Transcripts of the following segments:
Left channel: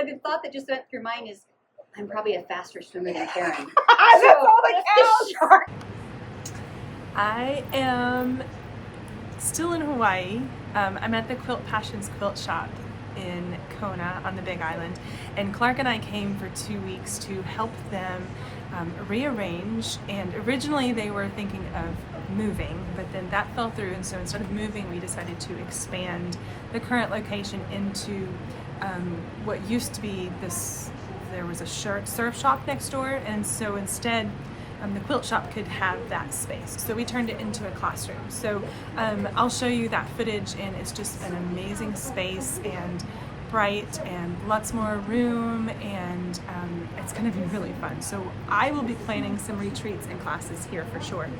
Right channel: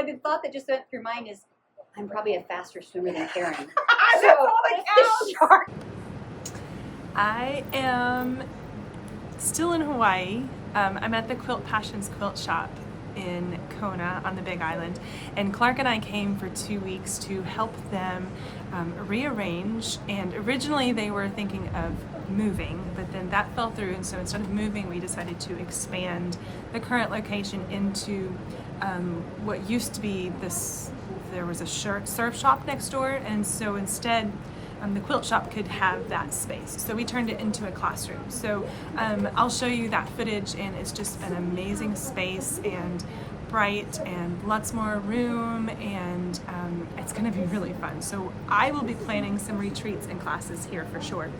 The thought that just went through your mind is, I'm probably a faster swimmer than Karen. So if the shark. I am still in Hawaii. I'm at the Quilt Passions quilt shop in Kona on the Big Island, and Clark and I came for 2 weeks to help them rearrange. And originally they were thinking of moving, but then that fell through, and so instead of moving we decided to expand the current location into what used to be this, there was a surf shop next door, and so instead the quilt shop could have that space. So we turned it into a classroom. So I'll show you that footage, and it's just an amazing space and bright and lots more room, and it's gonna be really fun. So I will be planning some retreats and classes here for sure.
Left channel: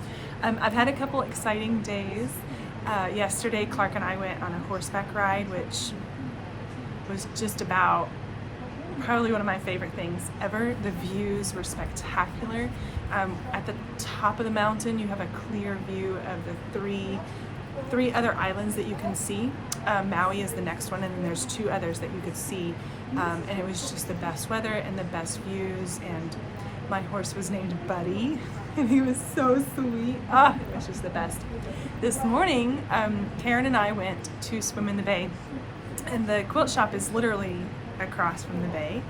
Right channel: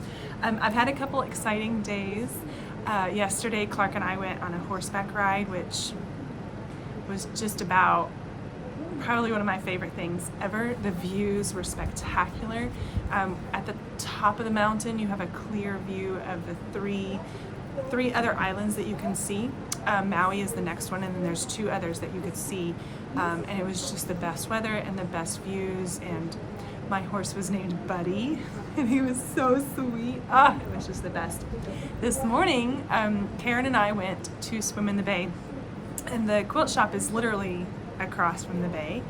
I've had a couple exciting days. Yesterday Clark and I went on a horseback ride, which was just about probably one of my favorite things ever. The views were spectacular. At the top of the mountain you have a clear view of the three other islands that you can see. Maui is the next one, and then there's 2 others that you could see, and it was just the best weather and the best views, and my horse was named Buddy and he was so sweet. It was just the best. This morning Karen and I went to swim in the bay, and the quilt shop is literally across from the bay,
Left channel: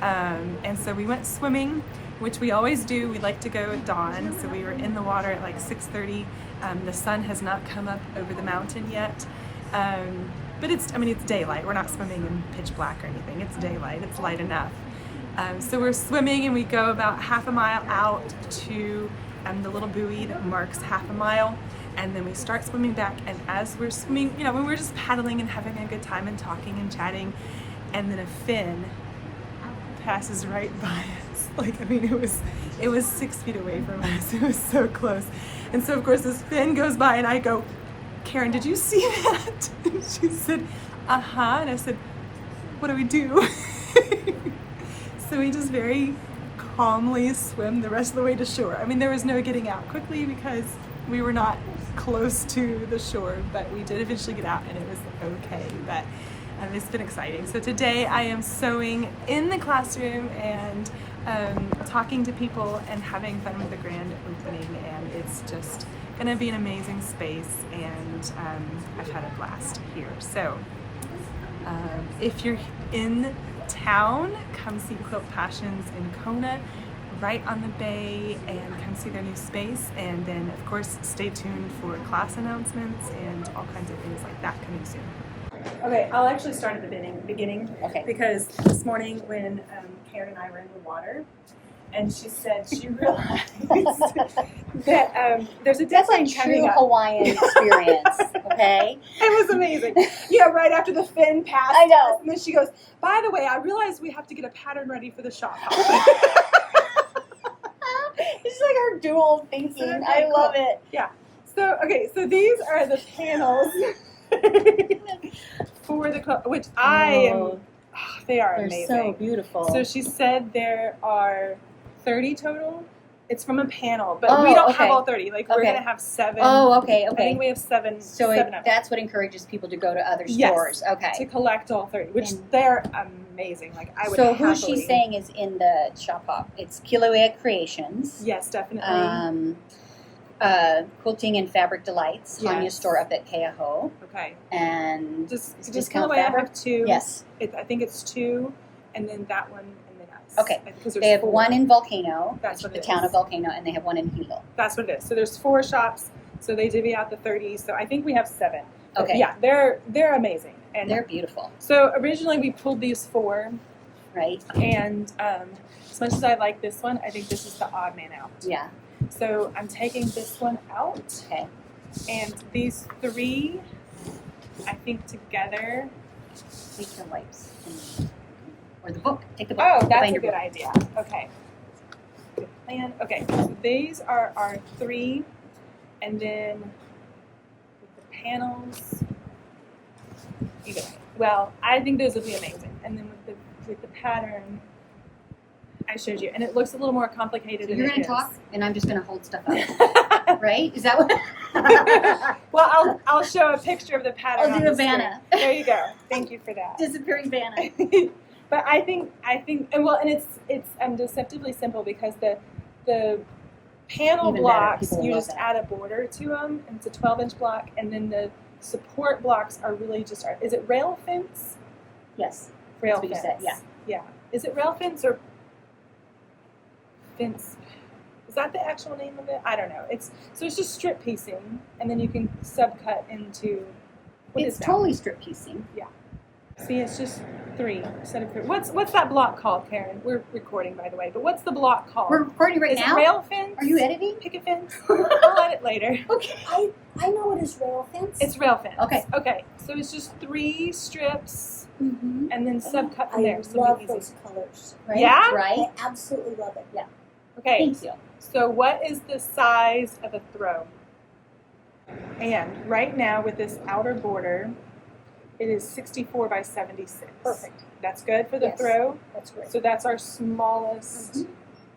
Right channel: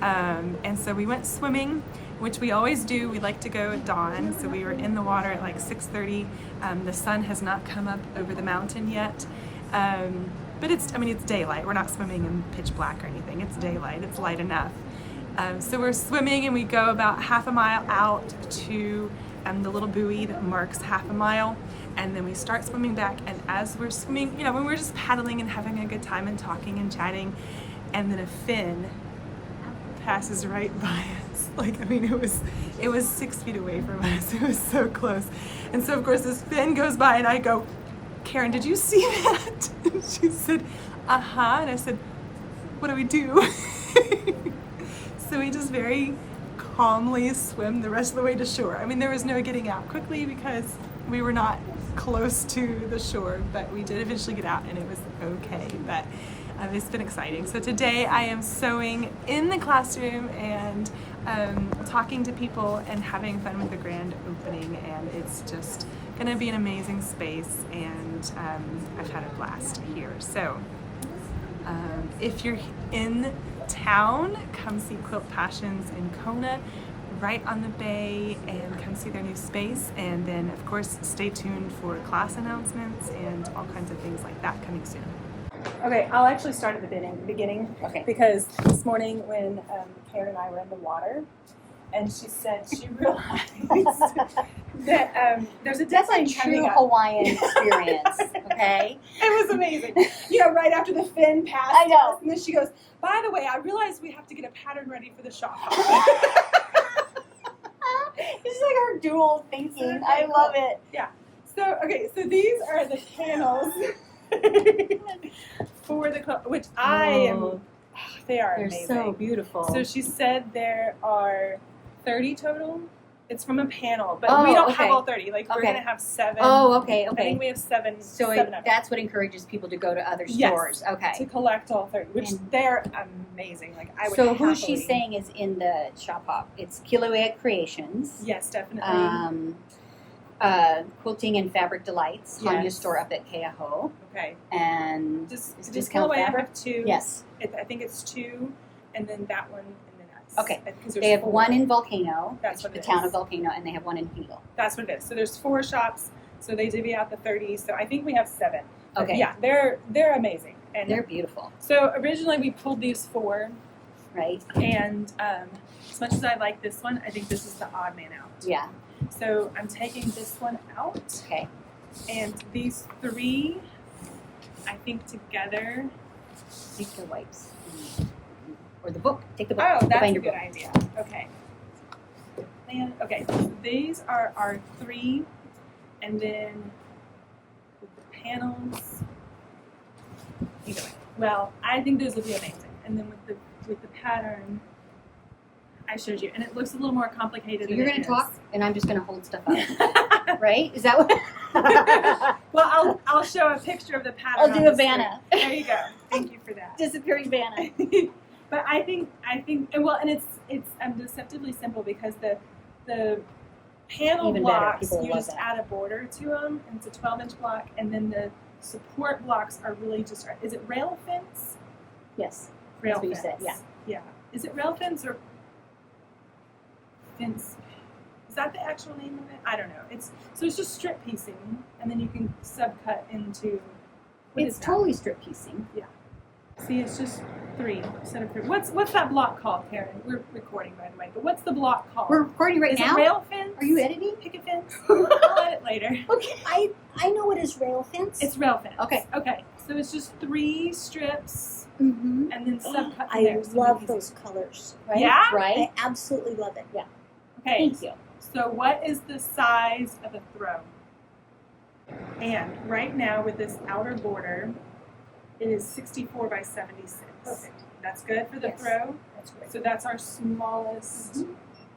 and so we went swimming, which we always do. We like to go at dawn, so we were in the water at like 6:30. The sun has not come up over the mountain yet, but it's daylight. We're not swimming in pitch black or anything. It's daylight, it's light enough. So we're swimming, and we go about half a mile out to the little buoy that marks half a mile, and then we start swimming back. And as we're swimming, when we're just paddling and having a good time and talking and chatting, and then a fin passes right by us. It was 6 feet away from us. It was so close. And so of course this fin goes by, and I go, Karen, did you see that? And she said, uh-huh. And I said, what do we do? So we just very calmly swim the rest of the way to shore. There was no getting out quickly because we were not close to the shore, but we did eventually get out, and it was okay. But it's been exciting. So today I am sewing in the classroom and talking to people and having fun with the grand opening, and it's just gonna be an amazing space, and I've had a blast here. So if you're in town, come see Quilt Passions in Kona, right on the bay, and come see their new space. And then of course stay tuned for class announcements and all kinds of things like that coming soon. Okay, I'll actually start at the beginning. Okay. Because this morning when Karen and I were in the water, and she said she realized that there's a That's deadline a true coming up. Hawaiian experience, okay? It was amazing. Right after the fin passed. I know. Us, and then she goes, by the way, I realized we have to get a pattern ready for the shop. It's like our dual thinking. So I cool. love it. Yeah. So, okay, so these are the panels for the quilt, which they are They're amazing. so beautiful. So she said there are 30 total. It's from a panel, but Oh, we don't okay. have all 30. We're Okay. going to have 7. Oh, okay, I okay. think we have 7. So 7 of them that's what encourages people to go to other Yes, stores. Okay. to collect all 30, which And- they're amazing. I would So who happily. she's saying is in the shop hop? It's Kilauea Creations. Yes, definitely. Quilting and Fabric Delights, Hanya Yes. store up at Keaho. Okay. And Just is Discount Discount Fabric. I Fabric? have 2. Yes. I think it's 2, and then that one, and then us. Okay. Because there's They have 4. one in Volcano, That's which what is the it town is. of Volcano, and they have one in Hilo. That's what it is. So there's 4 shops. So they divvy out the 30. So I think we have 7. But Okay. yeah, they're amazing. And They're beautiful, so originally we pulled these 4, right? and as much as I like this one, I think this is the odd man out. Yeah. So I'm taking this one out, Okay. and these 3, I think together. Take the wipes. Or the book. Take the book. Oh, the that's a binder good book. idea. Okay. And okay, so these are our 3, and then with the panels. Either way. Well, I think those will be amazing. And then with the pattern I showed you, and it looks a little more complicated. So than you're it going is. to talk, and I'm just going to hold stuff up. Right? Is that what? Well, I'll show a picture of the pattern. I'll on do a the screen. Vanna. There you go. Thank you for that. Disappearing Vanna. But I think, and well, and it's deceptively simple because the panel Even better. blocks, People you love just that. add a border to them, and it's a 12-inch block, and then the support blocks are really just, is it rail fence? Yes. Rail That's what you fence. said, yeah. Yeah. Is it rail fence or fence? Is that the actual name of it? I don't know. It's just strip piecing, and then you can subcut into. It's totally strip piecing. See, it's just 3 instead of 3. What's that block called, Karen? We're recording, by the way, but what's the block called? We're recording right Is now. it rail fence? Are you editing? Picket fence? I'll edit later. Okay. I know it is rail fence. It's rail fence. Okay. Okay. So it's just 3 strips Mm-hmm. and then subcut from I there. So love easy. those colors. Right. Yeah? Right. I absolutely love it. Okay. Thank you. So what is the size of a throw? And right now with this outer border, it is 64 by 76. Perfect. That's good for the Yes. throw. That's great. So that's our smallest,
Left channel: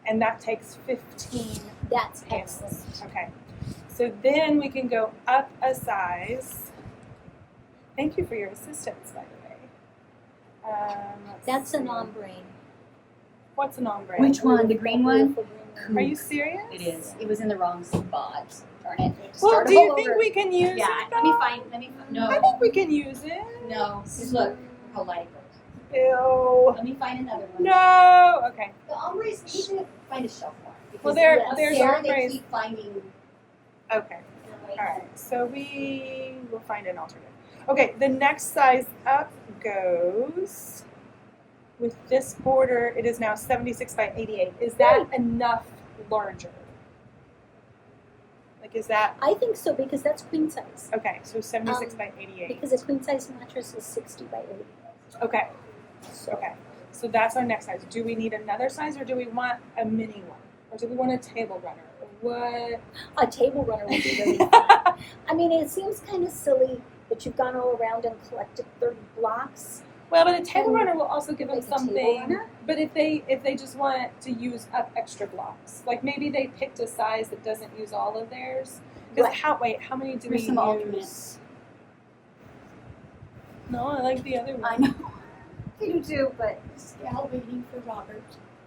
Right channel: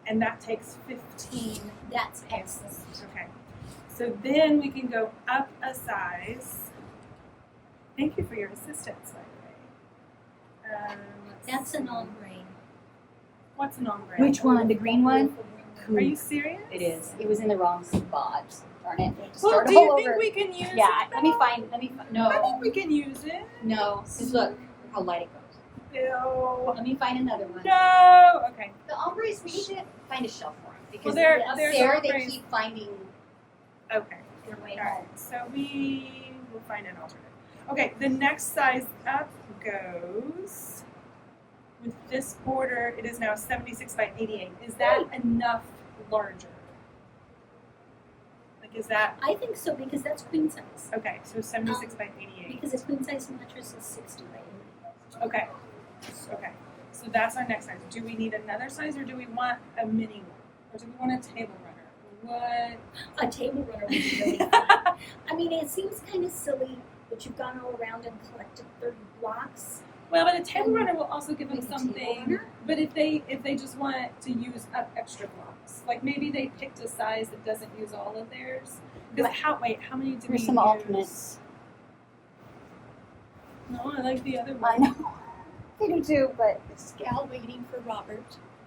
and that takes 15 That's panels. excellent. Okay. So then we can go up a size. Thank you for your assistance, by the way. That's an ombre. What's an ombre? Which one? The green one? Are you serious? It is. It was in the wrong spot. Darn it. We have to Well, start do you all think over. we can use Yeah. it? Let me though? find. No. I think we can use it. No. Because look, how light it goes. Ew. Let me find another one. No. Okay. The ombres, we need to find a shelf for them. Because Well, there- up there's there, ombres. they keep finding Okay. their way All right. home. So we will find an alternative. Okay. The next size up goes with this border. It is now 76 by 88. Is that enough larger? Like, is that I think so because that's queen size. okay? So 76 by 88. Because a queen size mattress is 60 by 80. Okay. So Okay. So that's our next size. Do we need another size, or do we want a mini one, or do we want a table runner? What? a table runner would be really fun. I mean, it seems kind of silly that you've gone all around and collected 30 blocks. Well, but a table runner will also give them Like a table something. runner? But if they just want to use up extra blocks, like maybe they picked a size that doesn't use all of theirs. Because how many do we Here's some use? alternates. No, I like the other one. I know. I do too, but This gal waiting for Robert,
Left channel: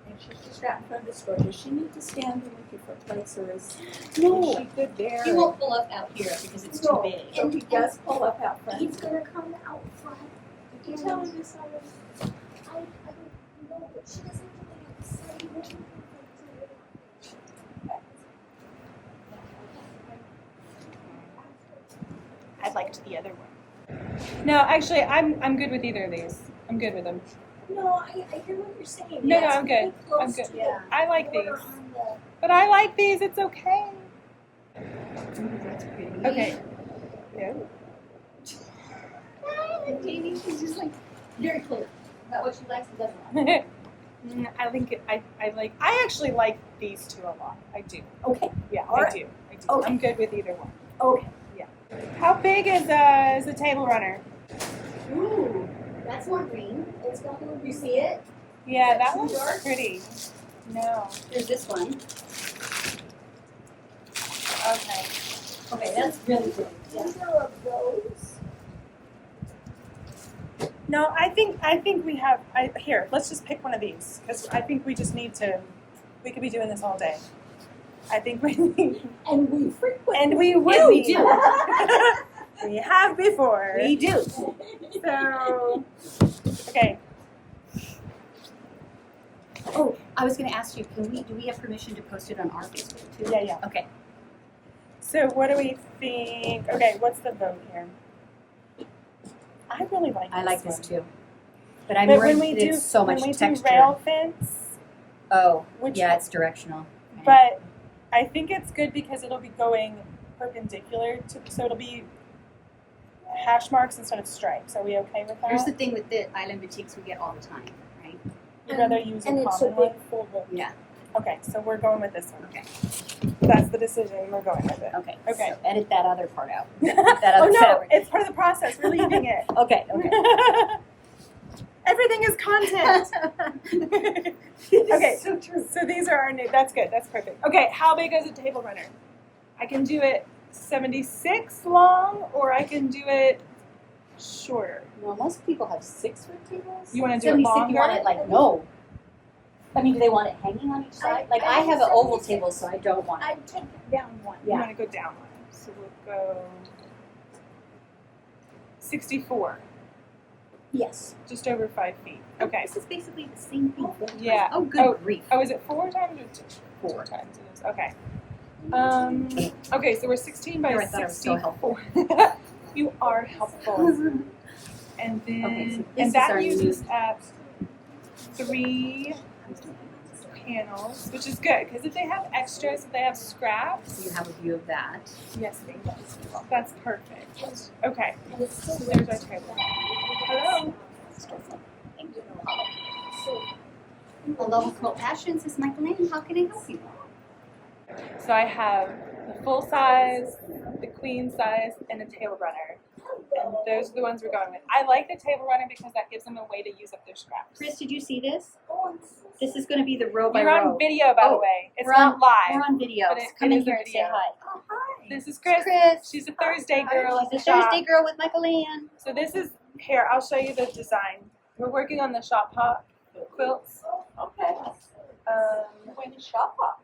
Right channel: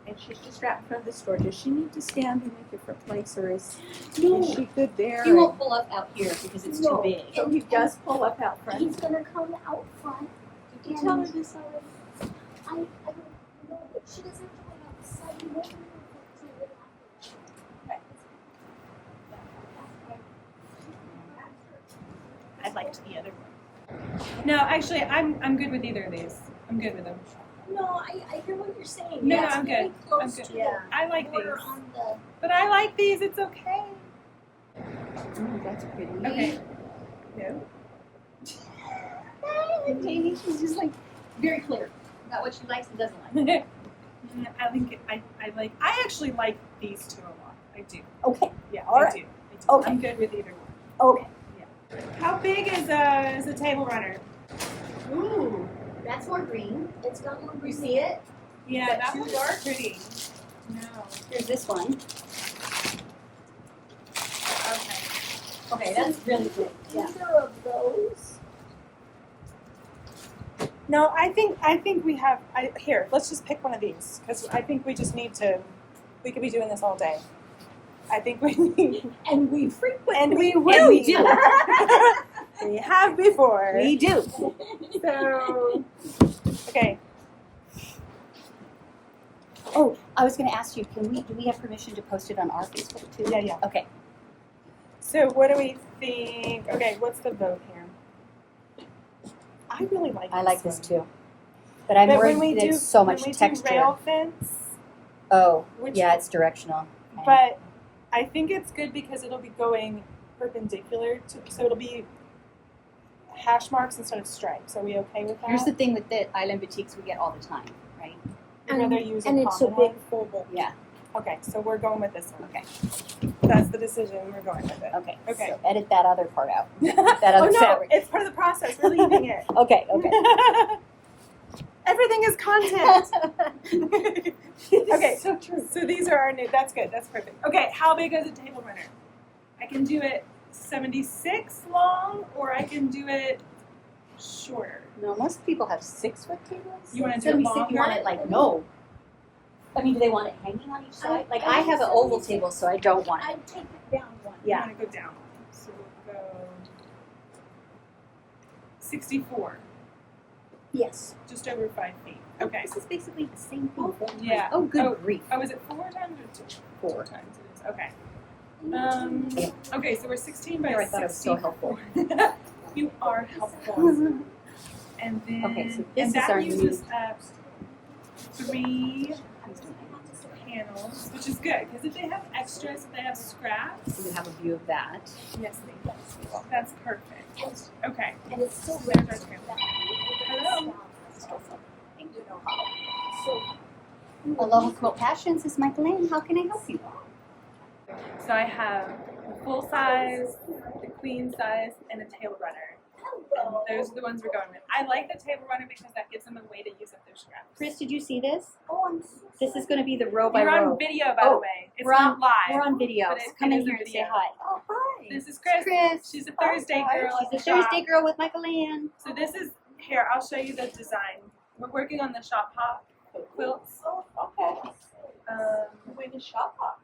and she's just right in front of the store. Does she need to stand in a different place, or is No, she good there? he won't pull up out here because it's No. too big. So he does pull up out front. he's going to come out front. Did you tell me this already? I don't know, but she doesn't play outside. I liked the other one. No, actually, I'm good with either of these. I'm good with them. No, I hear what you're saying. No, It's no, I'm very good. close I'm good. to Yeah. I like the border these, on the- but I like these. It's okay. Ooh, that's pretty. Okay. No. He's just like very clear about what she likes and doesn't like. I think I actually like these two a lot. I do. Okay. Yeah, All I right. do. I do. Okay. I'm good with either one. Okay. How big is a table runner? Ooh, that's more green. It's got a little You see it? Yeah, Is that that too one's dark? pretty. No. Here's this one. Okay. Okay, that's really good. Yeah. Either of those. No, I think we have. Here, let's just pick one of these because I think we just need to. We could be doing this all day. I think we need, And we frequently and we would We be. do. We have before. We do. So, okay. Oh, I was going to ask you, do we have permission to post it on our Facebook too? Yeah, yeah. Okay. So, what do we think? Okay, what's the vote here? I really like. I like one. this too. But I'm But worried when we that do it's so much when we texture. do rail fence, Oh, which yeah, it's directional. Okay. but I think it's good because it'll be going perpendicular to, so it'll be hash marks instead of stripes. Are we okay with that? Here's the thing with the island boutiques we get all the time, right? You'd rather use a and it's a common one? big full bowl. Yeah. Okay, so we're going with this one. Okay. That's the decision. We're going with it. Okay. Okay. So edit that other part out. That Oh other no, fabric. it's part of the process. We're leaving it. Okay. Okay. Everything is content. Okay, So true. so these are our new. That's good. That's perfect. Okay, how big is a table runner? I can do it 76 long, or I can do it shorter. No, most people have 6-foot tables. You want to do it 76, longer? you want it like, no. I mean, do they want it hanging on each side? Like, I have an oval table, so I don't want it. I'd take it down one. You want to go down one. So we'll go 64, Yes. just over 5 feet. Okay. This is basically the same thing. Yeah. Oh, good grief. Oh, is it 4 times or 2? 4 times it is. Okay. Okay, so we're 16 by Here, I thought it was so 60. helpful. You are helpful. And then, Okay, so this and is that our uses new- at 3 panels, which is good because if they have extras, if they have scraps, So you have a view of that. yes, that's perfect. Okay, And it's so still there's our table. Hello. Thank you. Aloha Quilt Passions is Michaelanne. How can I help you? So I have the full size, the queen size, and a table runner. And those are the ones we're going with. I like the table runner because that gives them a way to use up their scraps. Chris, did you see this? Oh, I'm so This is going to be the row by You're row. on video, by the Oh, way. It's we're not on- live. We're on video. But it Come in is a here and say video. hi. Oh, hi. This is Chris. Chris. She's a Thursday girl. at She's the a shop. Thursday girl with Michaelanne. So this is, here, I'll show you the design. We're working on the shop hop quilts. Okay. When is shop hop?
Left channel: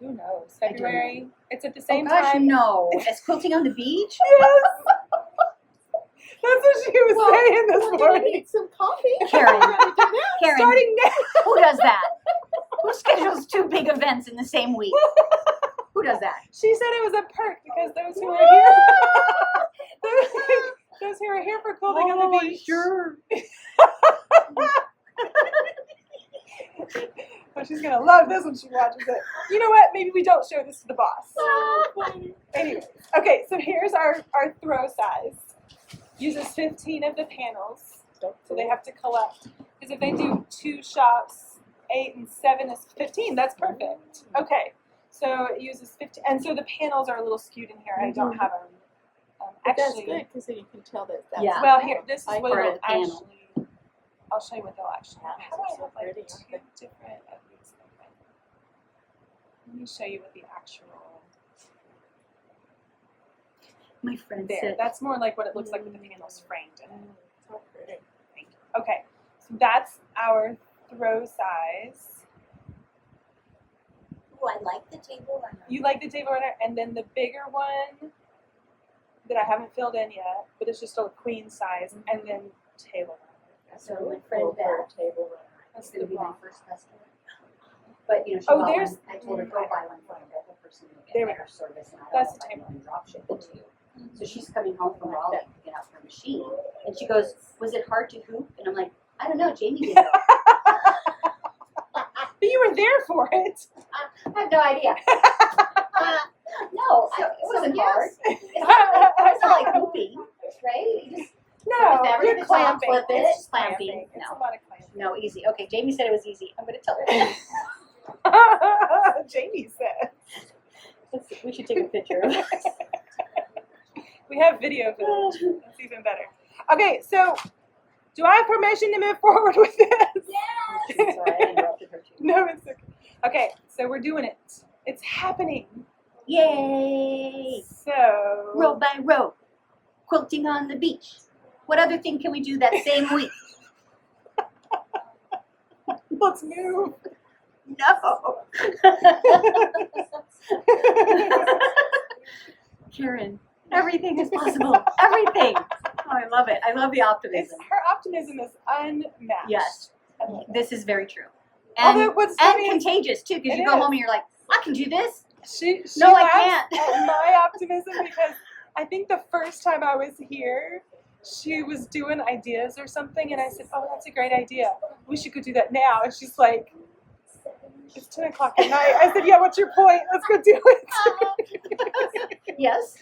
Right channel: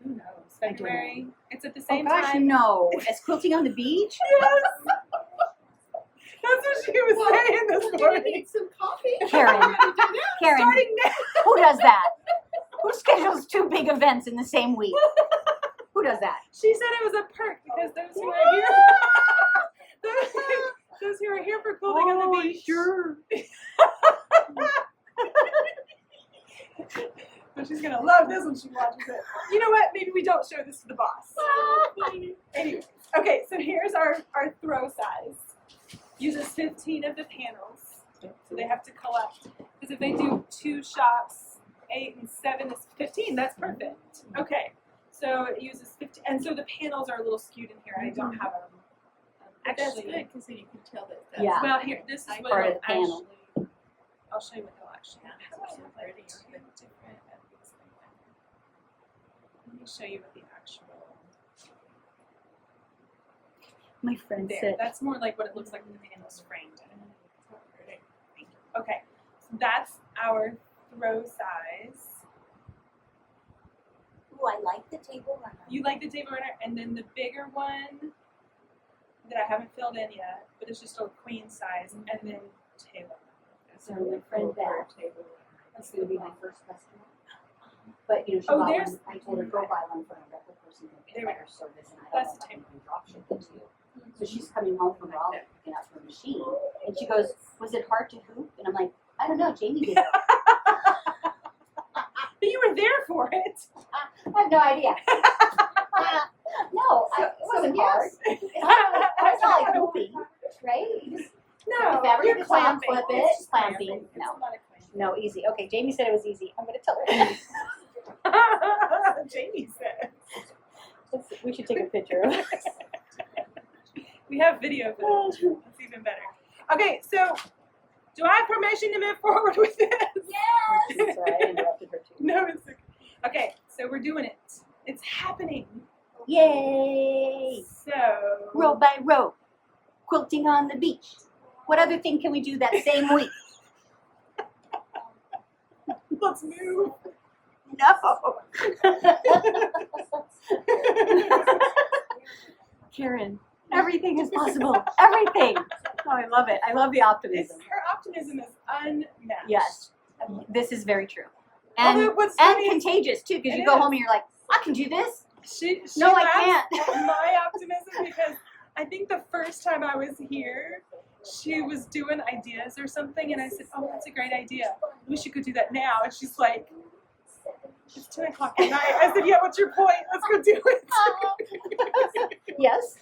Who knows? I don't February. It's at the Oh same gosh, time. no. As quilting on the beach? Yes. That's what she was saying this We're gonna morning. need some coffee. Karen. Karen, Starting now. who does that? Who schedules 2 big events in the same week? Who does that? She said it was a perk because those who are here, those who are here for quilting on the beach. sure. Oh, she's gonna love this when she watches it. You know what? Maybe we don't show this to the boss. Anyway, okay. So here's our throw size. Uses 15 of the panels, so they have to collect. Because if they do 2 shops, 8 and 7 is 15. That's perfect. Okay. So it uses 15, and so the panels are a little skewed in here. I don't have them. But that's Actually, good because then you can tell that that's Yeah. well, here, this is I- what Part of it'll the panel. actually. I'll show you what they'll actually have. Panels How do are I so have, like, pretty, 2 aren't they? different of these things? Let me show you what the actual. My friend There. said, That's more like what it looks like with the panels framed in it. So pretty. Okay, so that's our throw size. Ooh, I like the table runner. You like the table runner, and then the bigger one that I haven't filled in yet, but it's just a queen size, and then table runner. so my friend Beth, Table that's going to be my first customer. But, you know, she Oh, bought there's- one. I told her, go buy one from a local person who There can we better service, and I don't That's know if the I can table. even drop ship it to you. So she's coming home from Raleigh picking up her machine, and she goes, was it hard to hoop? And I'm like, I don't know, Jamie did it. But you were there for it. I have no idea. No, So- it wasn't so yes. hard. It's not like hooping, right? You just No, put the fabric you're at the top, clamping. flip it, It's just clamping. It's No. a lot of clamping. no, easy. Okay, Jamie said it was easy. I'm going to tell her. Jamie said. We should take a picture of it. We have video for this. That's even better. Okay, so do I have permission to move forward with this? Yes. Sorry, I interrupted her too. No, it's okay. Okay, so we're doing it. It's happening. Yay! So Row by row, quilting on the beach. What other thing can we do that same week? let's move. No. Karen, everything is possible. Everything. Oh, I love it. I love the optimism. Her optimism is unmatched. Yes, I love it. this is very true. Although And what's and funny- contagious too, because It you go is. home and you're like, I can do this. She No, I laughs can't. at my optimism because I think the first time I was here, she was doing ideas or something, and I said, "Oh, that's a great idea. We should go do that now." And she's like, "It's 10 o'clock at night." I said, "Yeah, what's your point? Let's go do it." Yes.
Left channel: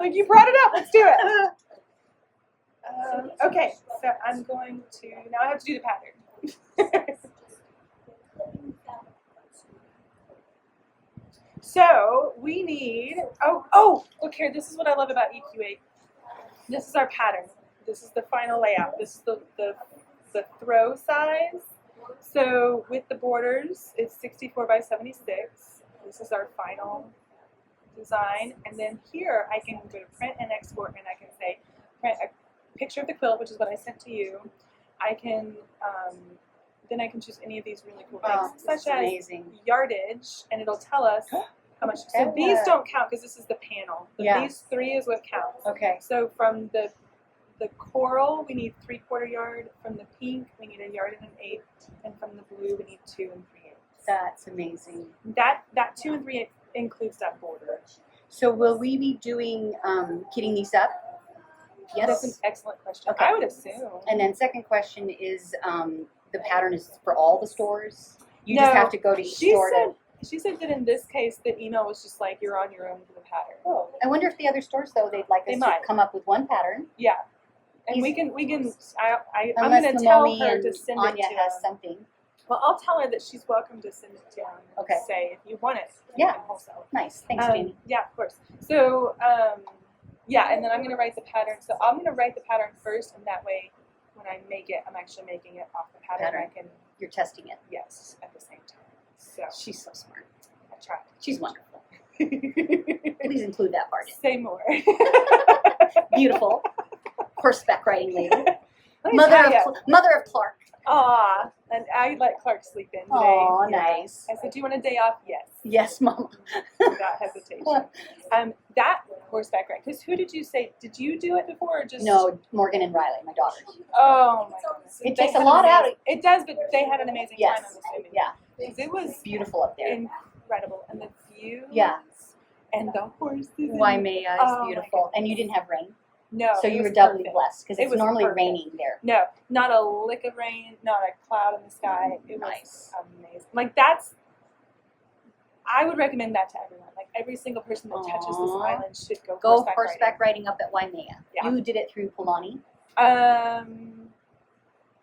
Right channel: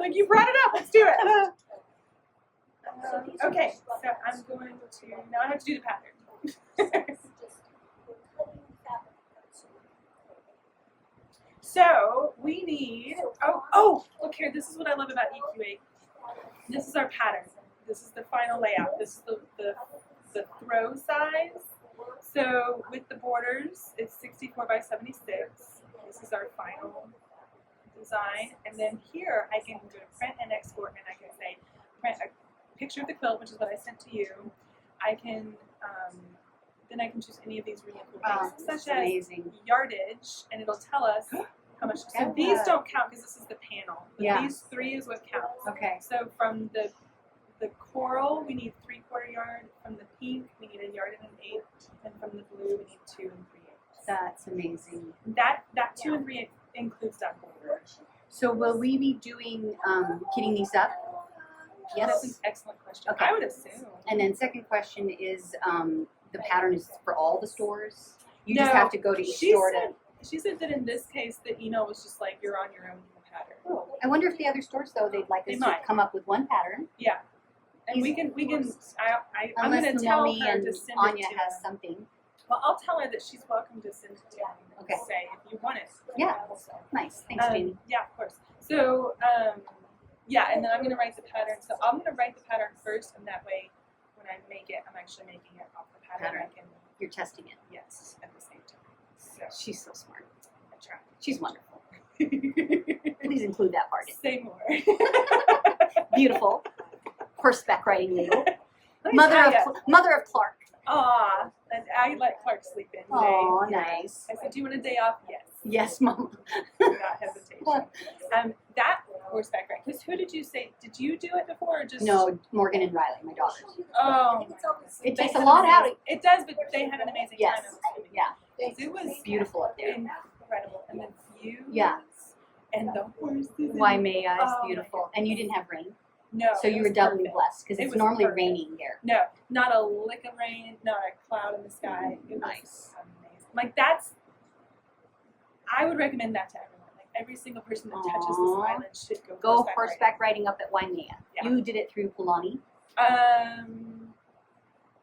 Like you brought it up. Let's do it. Okay, so I'm going to now. I have to do the pattern. So we need, look here, this is what I love about EQ8. This is our pattern. This is the final layout. This is the throw size. So with the borders, it's 64 by 76. This is our final design. And then here I can go to print and export, and I can say, print a picture of the quilt, which is what I sent to you. I can then I can choose any of these really cool things, This is such as amazing. yardage, and it'll tell us how much. So these don't count because this is the panel. But Yeah. these 3 is what counts. Okay. So from the coral, we need 3/4 yard. From the pink, we need 1 1/8 yard. And from the blue, we need 2 3/8. That's amazing. That 2 3/8 includes that border. So will we be doing kitting these up? That's an Yes. excellent question. Okay. I would assume. And then second question is the pattern is for all the stores? You just No, have to go to each store to. She said that in this case, the email was just like, you're on your own for the pattern. Oh, I wonder if the other stores though they'd like They us might. to come up with one pattern. Yeah. And He's- I'm Unless going to tell Naomi her and to send Anya it to has him. something. Well, I'll tell her that she's welcome to send it to him. And Okay. say if you want it. Yeah. Also. Nice. Thanks, Jamie. Yeah, of course. So, yeah, and then I'm going to write the pattern. So I'm going to write the pattern first, and that way, when I make it, I'm actually making it off the pattern. Pattern. I can, You're testing it. yes, at the same time. So She's so smart. I tried. She's wonderful. Please include that part in. Say more. Beautiful. Horseback riding lady. Let me Mother tell of ya. Mother of Clark. Aw, and I let Clark sleep in today. Oh, Yeah. nice. I said, do you want a day off? Yes. Yes, Mama. Without hesitation. That horseback ride, because who did you say, did you do it before or just? No, Morgan and Riley, my daughters. Oh my goodness. It They takes a had lot an out. amazing- It does, but they had an amazing Yes. time, I'm assuming. Yeah. 'Cause it was Beautiful up there. incredible. And the views. Yeah. And the horses. Waimea Oh is my beautiful. goodness. And you didn't have rain. No. So it you was were doubly perfect. blessed because It it's was normally perfect. raining there. No, not a lick of rain, not a cloud in the sky. It Nice. was amazing. Like I would recommend that to everyone. Like every single person that touches this Aw. island should go Horseback riding up at Waimea. Yeah. You did it through Palani riding.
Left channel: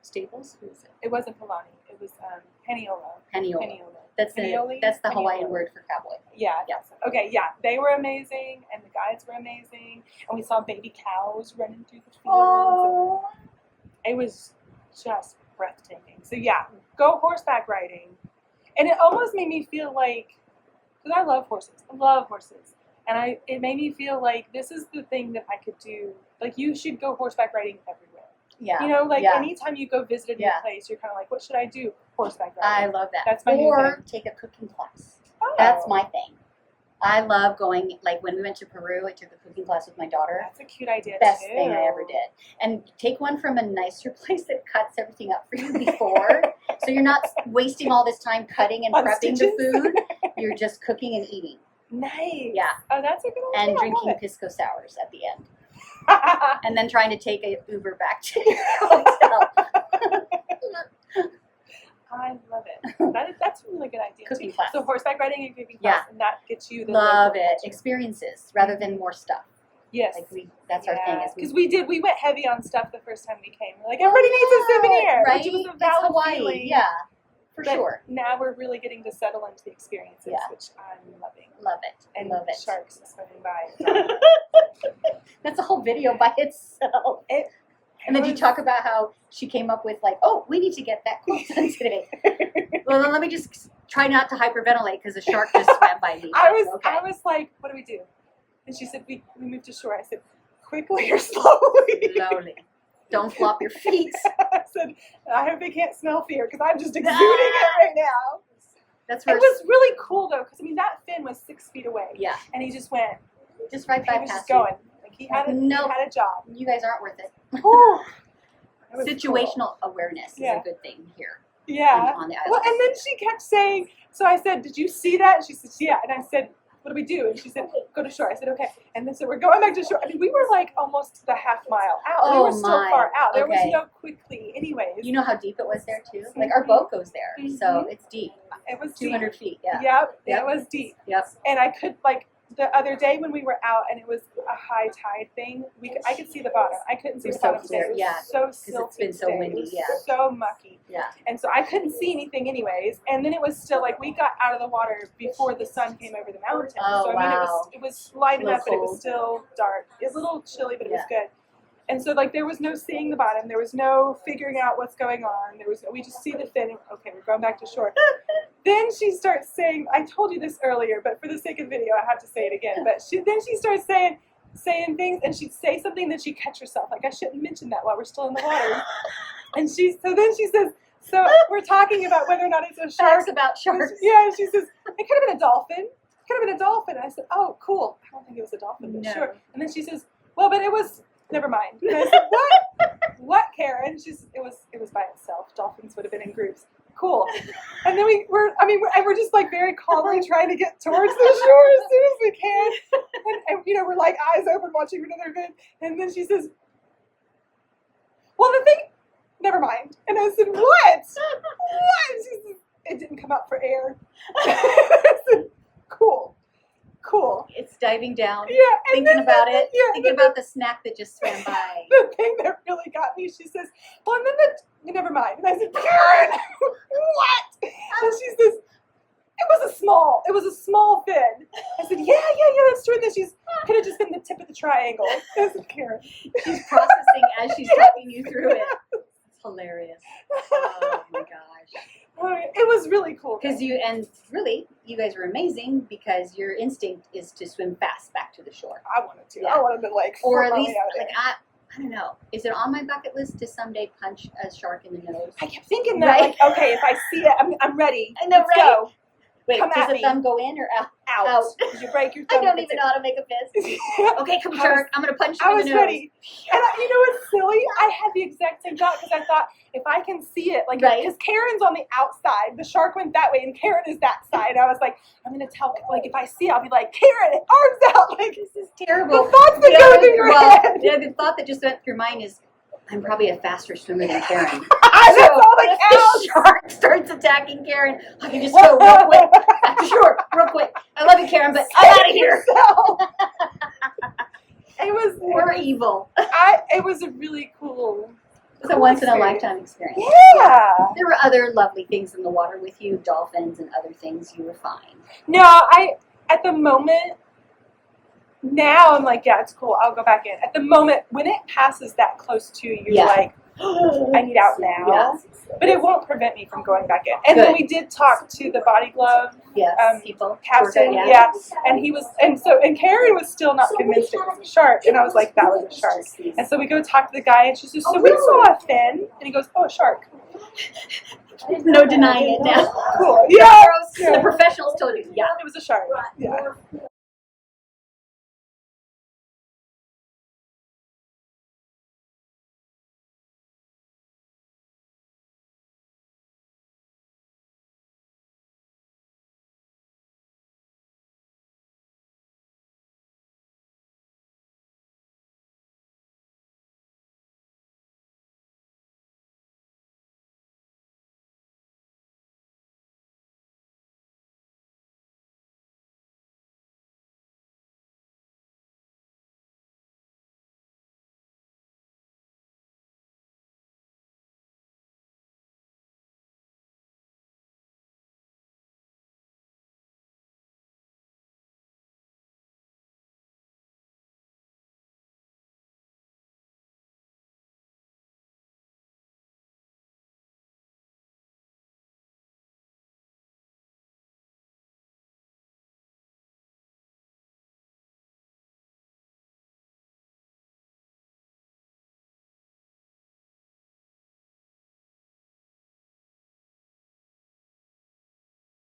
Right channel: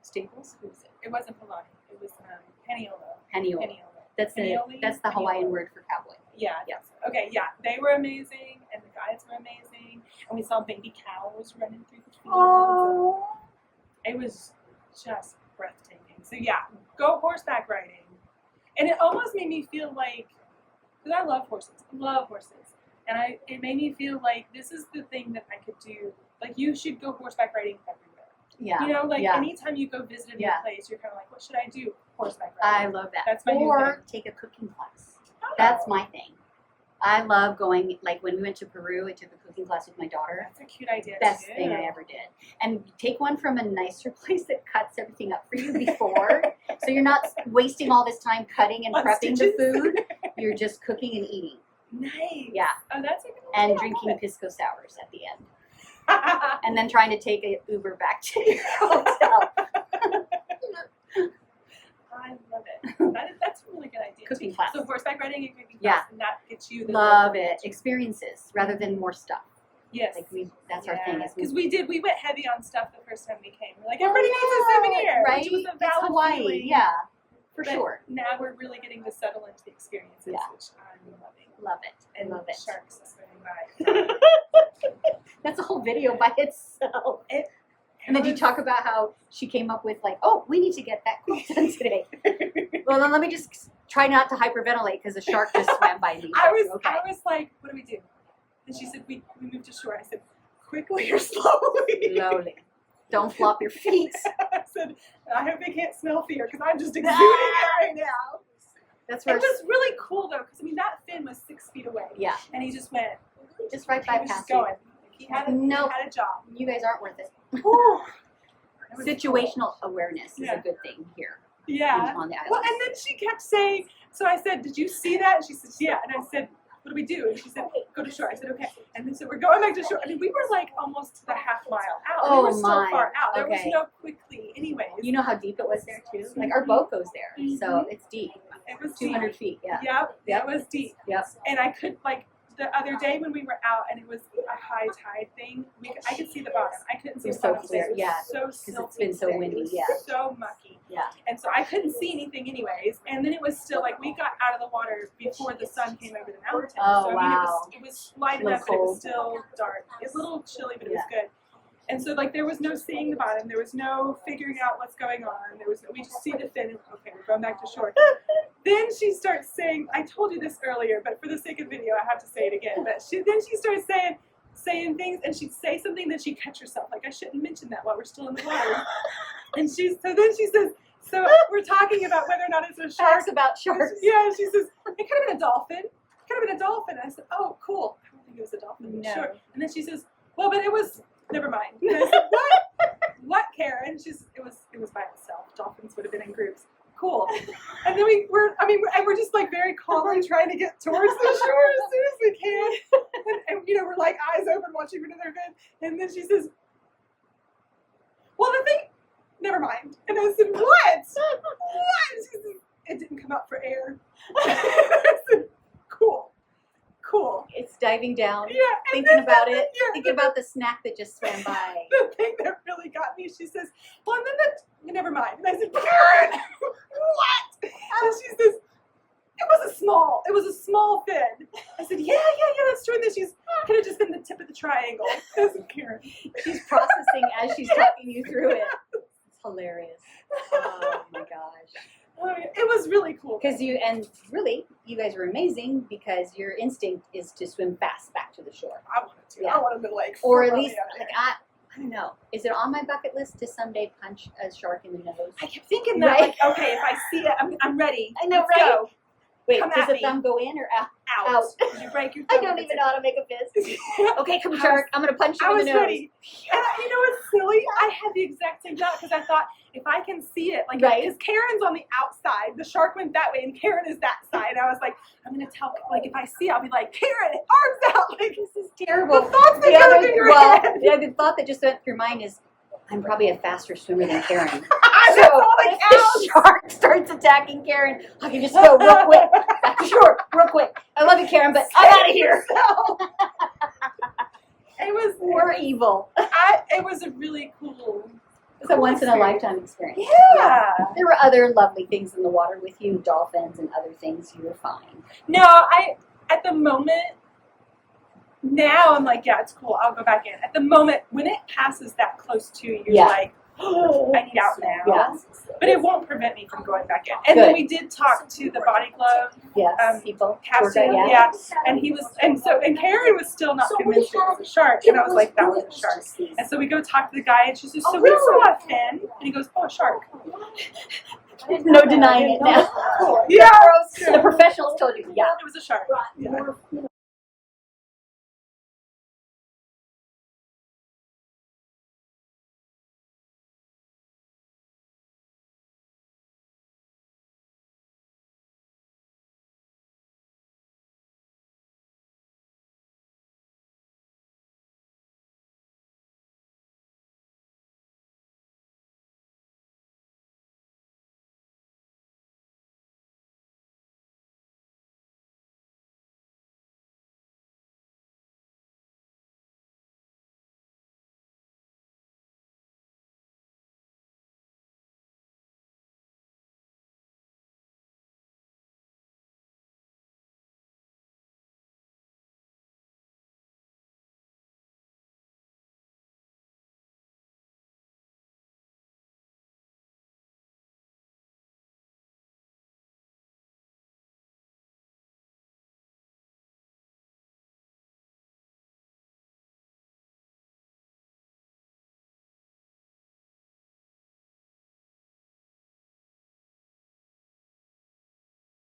Staples. Who is it? It wasn't Palani. It was Peniola. Paniola. Peniola. That's the Panioli? Hawaiian Paniola. word for cowboy. Yeah. Yeah. Yes. Okay. Yeah. They were amazing, and the guides were amazing, and we saw baby cows running through the fields. Oh. It was just breathtaking. So yeah, go horseback riding. And it almost made me feel like, because I love horses. And it made me feel like this is the thing that I could do. Like you should go horseback riding everywhere. Yeah. You know, like Yeah. anytime you go visit a new Yeah. place, you're kind of like, what should I do? Horseback I riding. love that. That's my new or thing. take a cooking class. Oh, That's my thing. I love going, like when we went to Peru, I took a cooking class with my daughter. That's a cute idea. Best too. thing I ever did. And take one from a nicer place that cuts everything up for you before. So you're not wasting all this time cutting and On prepping stitches? the food. You're just cooking and eating. Nice. Yeah. Oh, that's a good idea. And I love drinking it. pisco sours at the end. And then trying to take a Uber back to your hotel. I love it. That's a really good idea. Cooking too. class. So horseback riding and cooking Yeah. class, and that gets you the Love local it. culture. Experiences rather than more stuff. Yes. Like that's our thing. Because we went heavy on stuff the first time we came. We're like, everybody needs a souvenir. right? Which was a It's valid Hawaii. feeling. Yeah, for But sure. Now we're really getting to settle into the experiences, Yeah. which I'm loving. Love it. And Love it. sharks swimming by. That's a whole video by itself. And then you talk about how she came up with like, oh, we need to get that quilt done today. Well, then let me just try not to hyperventilate because a shark just swam by me. I But was like, what do we do? And she said, we moved to shore. I said, quickly or slowly? Slowly. Don't flop your feet. I said, I hope they can't smell fear because I'm just exuding it right now. That's It where was really cool though, because I mean that fin was 6 feet away. yeah, And he just went, just right he by was just past you. going. Like he had Nope. a job. You guys aren't worth it. It was Situational cool. awareness is Yeah. a good thing here Yeah. on the Well, island. and then she kept saying, so I said, did you see that? And she said, yeah. And I said, what do we do? And she said, go to shore. I said, okay. And then so we're going back to shore. I mean, we were like almost the half mile out. Oh, we were still my. far out. There Okay. was no quickly anyways. You know how deep it was there too? Like our boat goes there, so it's deep. It was 200 deep. feet, yeah. Yep. Yep. It was deep. Yep. And I could like the other day when we were out and it was a high tide thing, I could see the bottom. I couldn't see It was the so bottom. clear, It was yeah, so it's silty been so today. windy, It was yeah. so mucky. Yeah. And so I couldn't see anything anyways. And then it was still like we got out of the water before the sun came over the mountain. Oh, so I mean wow. it was light A little enough, but it was cold. still dark. It was a little chilly, but it was Yeah. good. And so like there was no seeing the bottom. There was no figuring out what's going on. We just see the fin. And, okay, we're going back to shore. Then she starts saying, I told you this earlier, but for the sake of video, I have to say it again. But then she starts saying, saying things, and she'd say something, then she'd catch herself. Like, I shouldn't mention that while we're still in the water. And so then she says, so we're talking about whether or not it's a shark. Facts about sharks. Yeah, and she says, it could have been a dolphin. Could have been a dolphin. I said, oh, cool. I don't think it was a dolphin, but No. sure. And then she says, well, but it was, never mind. And I said, what? What, Karen? She's, it was by itself. Dolphins would have been in groups. Cool. And then we're just like very calmly trying to get towards the shore as soon as we can. And you know, we're like eyes open watching another event. And then she says, well, the thing, never mind. And I said, what? What? She said, it didn't come out for air. I said, cool. It's diving down, Yeah. thinking about it, Yeah. thinking about the snack that just swam by. The thing that really got me, she says, well, and then never mind. And I said, Karen, what? And she says, it was a small fin. I said, yeah, that's true. And then she's, could have just been the tip of the triangle. I said, Karen. She's processing as she's talking you through it. It's hilarious. Oh my gosh. It was really cool. Because you guys are amazing because your instinct is to swim fast back to the shore. I wanted to. Yeah. I wanted to like. Or at flip least, out of like, there. I don't know. Is it on my bucket list to someday punch a shark in the nose? I kept thinking that. Right. Like, okay, if I see it, I'm ready. I know, Let's right? Go. Wait, Come does at the me. thumb go in or out? Out. Did you break your I thumb? don't even know how to make a fist. Okay, come I shark. I'm gonna punch you I in was the nose. ready. And you know what's silly? I had the exact same thought because I thought if I can see it, like, Right. because Karen's on the outside, the shark went that way, and Karen is that side. I was like, I'm gonna tell, like, if I see it, I'll be like, Karen, arms out, like, This is terrible. the thoughts that The go other, through your well, head. the thought that just went through mine is, I'm probably a faster swimmer than Karen. That's So all that if the counts. shark starts attacking Karen, I can just go real quick back to shore, real quick. I love you, Karen, but I'm out of here. It was We're evil. it was a really cool. It's a once in a lifetime experience. Yeah. There were other lovely things in the water with you, dolphins and other things. You were fine. No, at the moment. Now I'm like, yeah, it's cool. I'll go back in. At the moment, when it passes that close to you, you're Yeah. like, I need out now. Yeah. But it won't prevent me from going back in. And then Good. we did talk to the body glove Yes, people. captain, Tour guide, yeah. And he was, and Karen was still not convinced it was a shark, and I was like, that was a shark. And so we go talk to the guy, and she says, so we saw a fin, and he goes, oh, a shark. No denying it now. Cool. Yeah. The professionals told you, yeah. It was a shark. Yeah.